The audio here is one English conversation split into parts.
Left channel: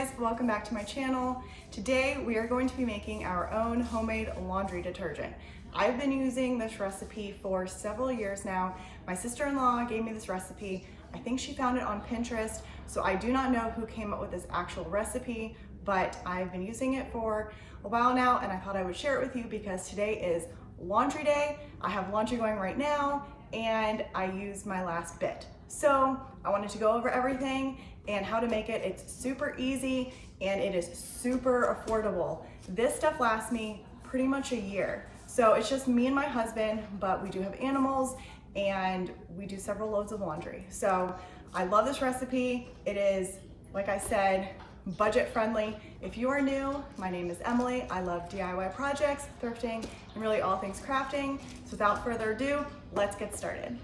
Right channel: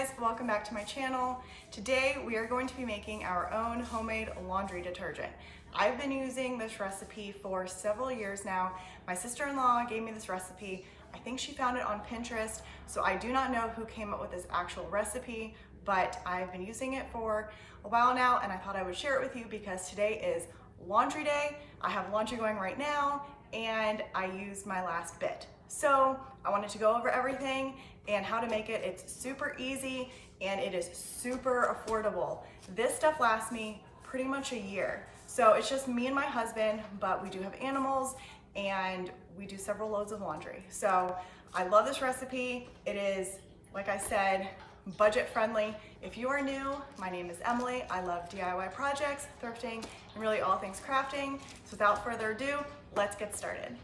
guys, welcome back to my channel. Today we are going to be making our own homemade laundry detergent. I've been using this recipe for several years now. My sister-in-law gave me this recipe. I think she found it on Pinterest, so I do not know who came up with this actual recipe, but I've been using it for a while now and I thought I would share it with you because today is laundry day. I have laundry going right now and I used my last bit. So I wanted to go over everything and how to make it. It's super easy and it is super affordable. This stuff lasts me pretty much a year. So it's just me and my husband, but we do have animals and we do several loads of laundry. So I love this recipe. It is, like I said, budget friendly. If you are new, my name is Emily. I love DIY projects, thrifting, and really all things crafting. So without further ado, let's get started.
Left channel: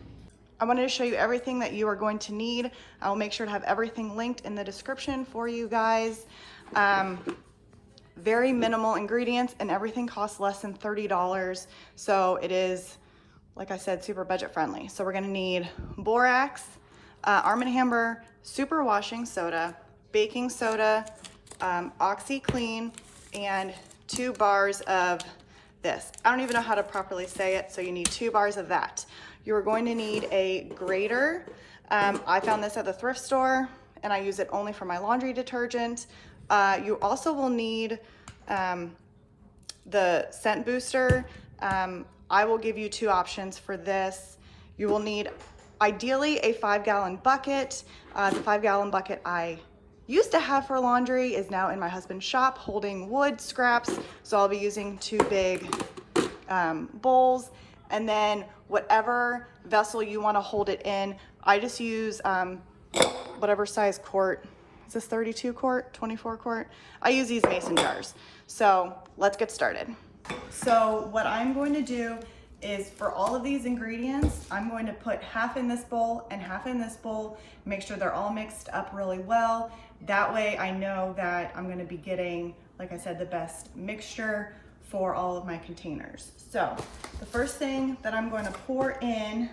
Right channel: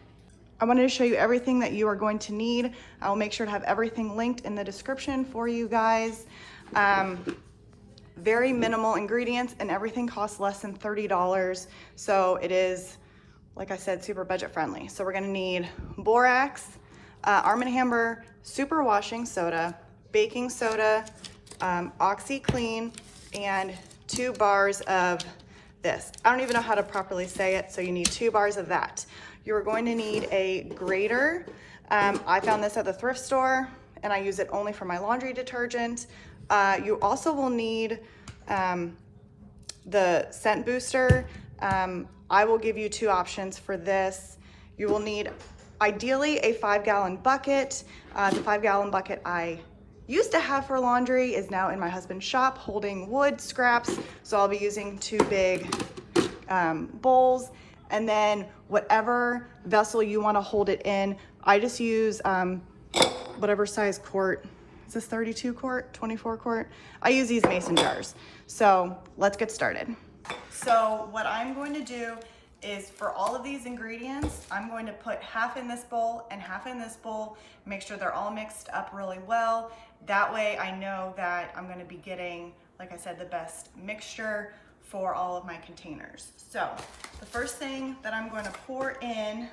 I wanted to show you everything that you are going to need. I will make sure to have everything linked in the description for you guys. Very minimal ingredients and everything costs less than $30. So it is, like I said, super budget friendly. So we're gonna need borax, Arm & Hammer, super washing soda, baking soda, OxyClean, and 2 bars of this. I don't even know how to properly say it, so you need 2 bars of that. You're going to need a grater. I found this at the thrift store and I use it only for my laundry detergent. You also will need the scent booster. I will give you 2 options for this. You will need ideally a 5-gallon bucket. The 5-gallon bucket I used to have for laundry is now in my husband's shop holding wood scraps. So I'll be using 2 big bowls. And then whatever vessel you want to hold it in, I just use whatever size quart. Is this 32 quart, 24 quart? I use these mason jars. So let's get started. So what I'm going to do is for all of these ingredients, I'm going to put half in this bowl and half in this bowl, make sure they're all mixed up really well. That way I know that I'm going to be getting, like I said, the best mixture for all of my containers. So the first thing that I'm going to pour in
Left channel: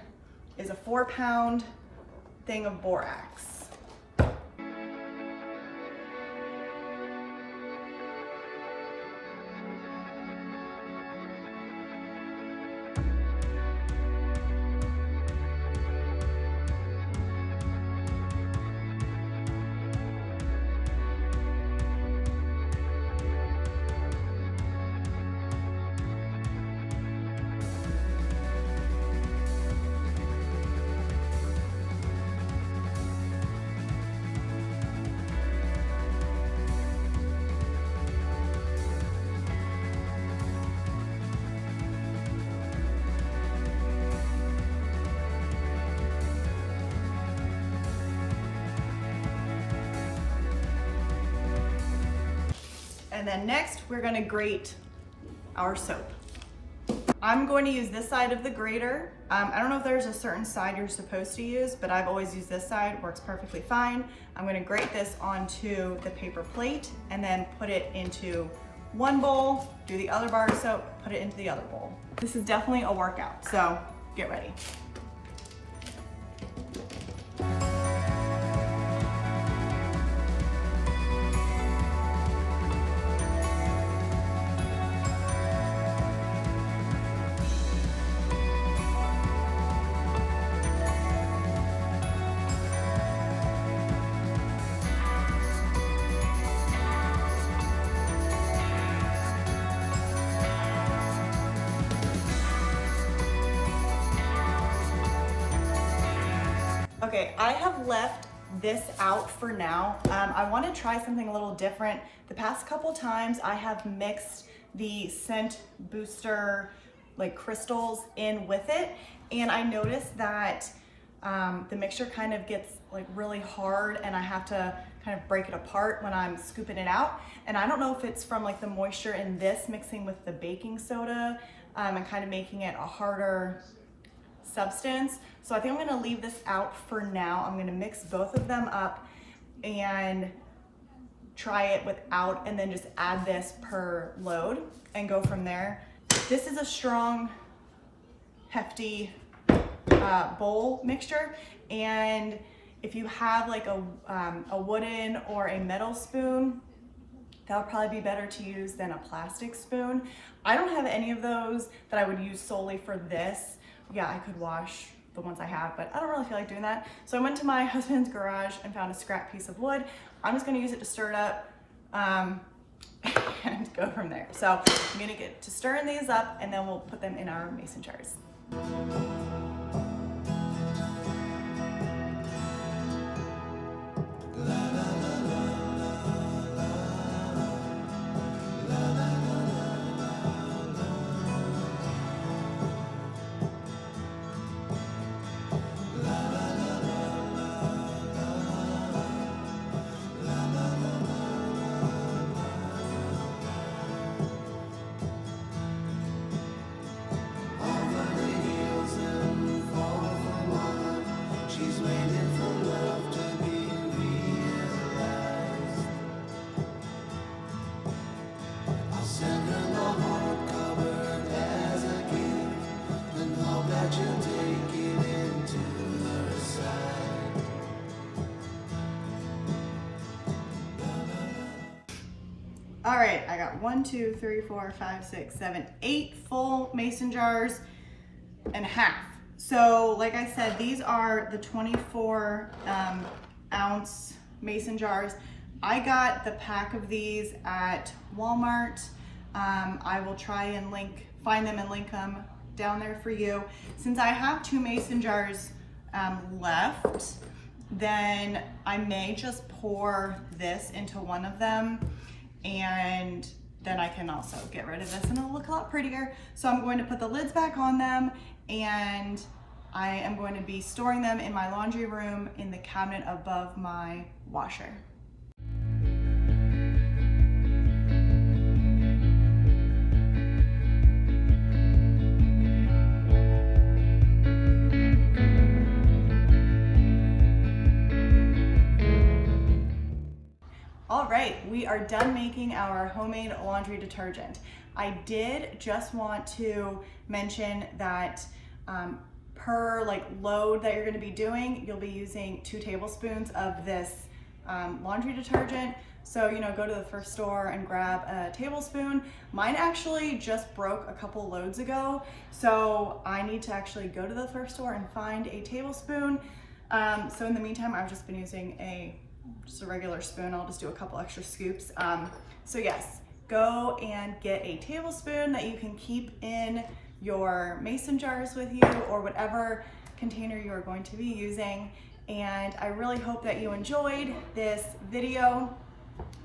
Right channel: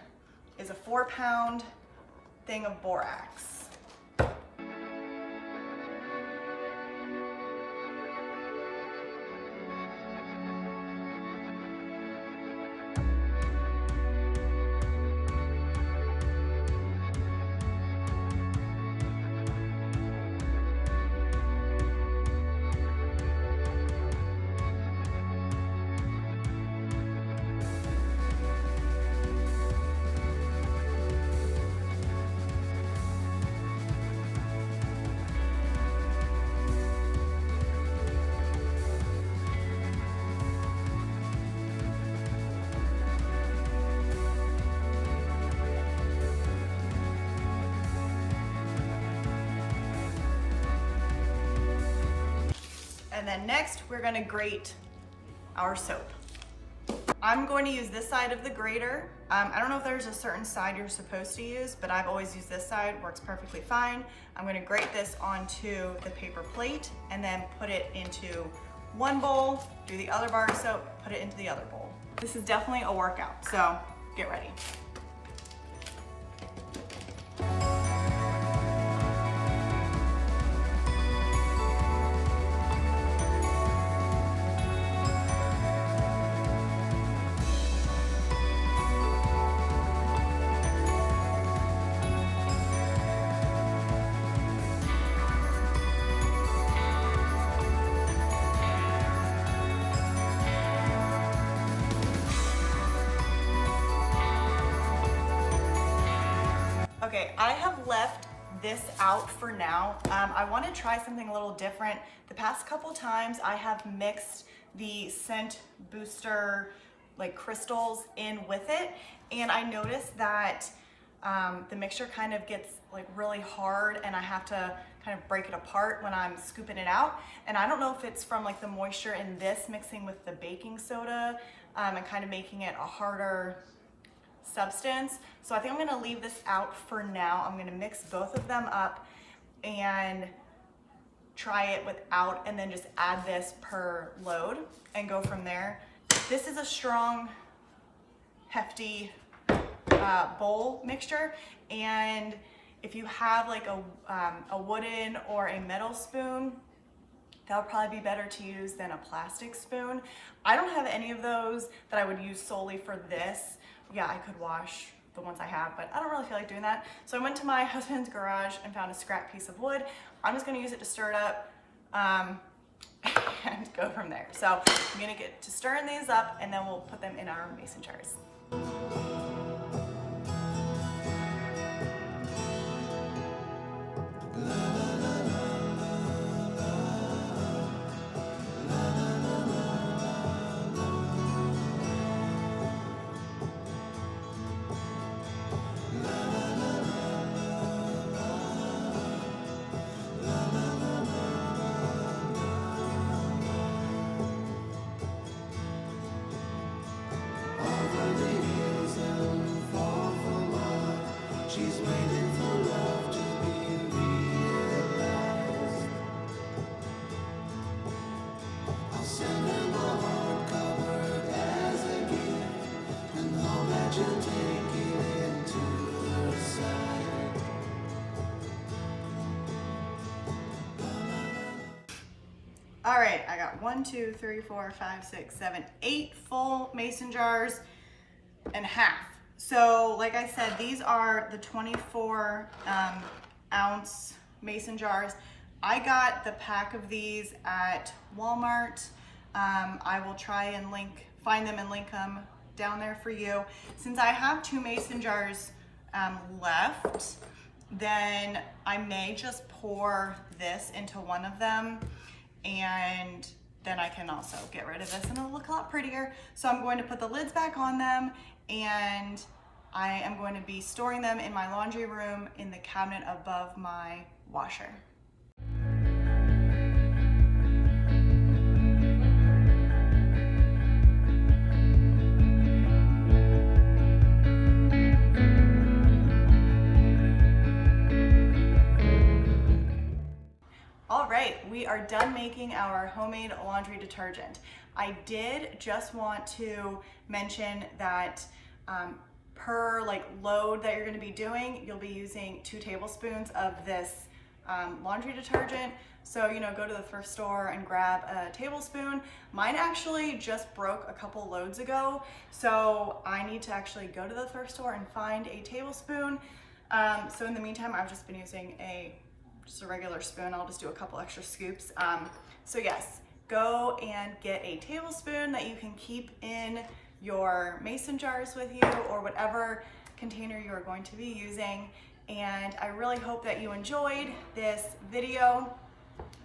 is a 4-pound thing of borax. And then next, we're gonna grate our soap. I'm going to use this side of the grater. I don't know if there's a certain side you're supposed to use, but I've always used this side, works perfectly fine. I'm gonna grate this onto the paper plate and then put it into one bowl, do the other bar of soap, put it into the other bowl. This is definitely a workout, so get ready. Okay, I have left this out for now. I want to try something a little different. The past couple times I have mixed the scent booster like crystals in with it, and I noticed that the mixture kind of gets like really hard and I have to kind of break it apart when I'm scooping it out. And I don't know if it's from like the moisture in this mixing with the baking soda and kind of making it a harder substance. So I think I'm gonna leave this out for now. I'm gonna mix both of them up and try it without, and then just add this per load and go from there. This is a strong, hefty bowl mixture, and If you have like a wooden or a metal spoon, that would probably be better to use than a plastic spoon. I don't have any of those that I would use solely for this. Yeah, I could wash the ones I have, but I don't really feel like doing that. So I went to my husband's garage and found a scrap piece of wood. I'm just gonna use it to stir it up and go from there. So I'm gonna get to stirring these up and then we'll put them in our mason jars. She's waiting for love to be realized. I'll send her my heart covered as a gift and hope that you'll take it into her side. All right, I got 1, 2, 3, 4, 5, 6, 7, 8 full mason jars and a half. So like I said, these are the 24 ounce mason jars. I got the pack of these at Walmart. I will try and find them and link them down there for you. Since I have 2 mason jars left, then I may just pour this into one of them, and then I can also get rid of this and it'll look a lot prettier. So I'm going to put the lids back on them, and I am going to be storing them in my laundry room in the cabinet above my washer. All right, we are done making our homemade laundry detergent. I did just want to mention that per load that you're going to be doing, you'll be using 2 tablespoons of this laundry detergent. So, go to the thrift store and grab a tablespoon. Mine actually just broke a couple loads ago, so I need to actually go to the thrift store and find a tablespoon. So in the meantime, I've just been using just a regular spoon. I'll just do a couple extra scoops. So yes, go and get a tablespoon that you can keep in your mason jars with you, or whatever container you are going to be using. And I really hope that you enjoyed this video.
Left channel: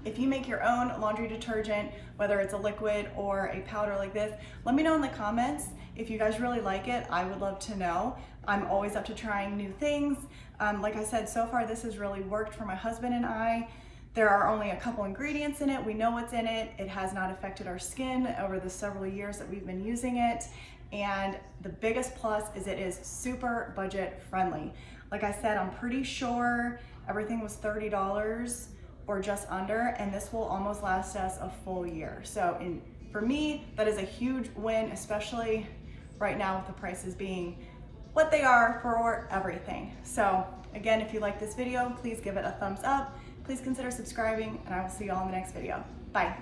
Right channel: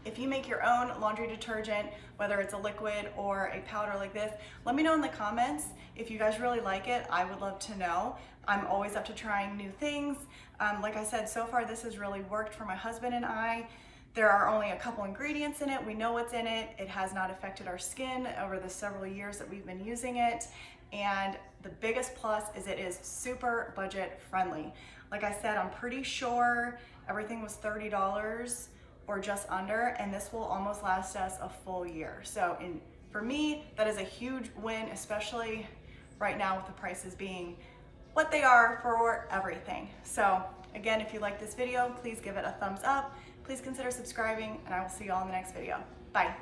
If you make your own laundry detergent, whether it's a liquid or a powder like this, let me know in the comments. If you guys really like it, I would love to know. I'm always up to trying new things. Like I said, so far this has really worked for my husband and I. There are only a couple ingredients in it. We know what's in it. It has not affected our skin over the several years that we've been using it. And the biggest plus is it is super budget friendly. Like I said, I'm pretty sure everything was $30 or just under, and this will almost last us a full year. So for me, that is a huge win, especially right now with the prices being what they are for everything. So again, if you like this video, please give it a thumbs up. Please consider subscribing, and I will see you all in the next video. Bye.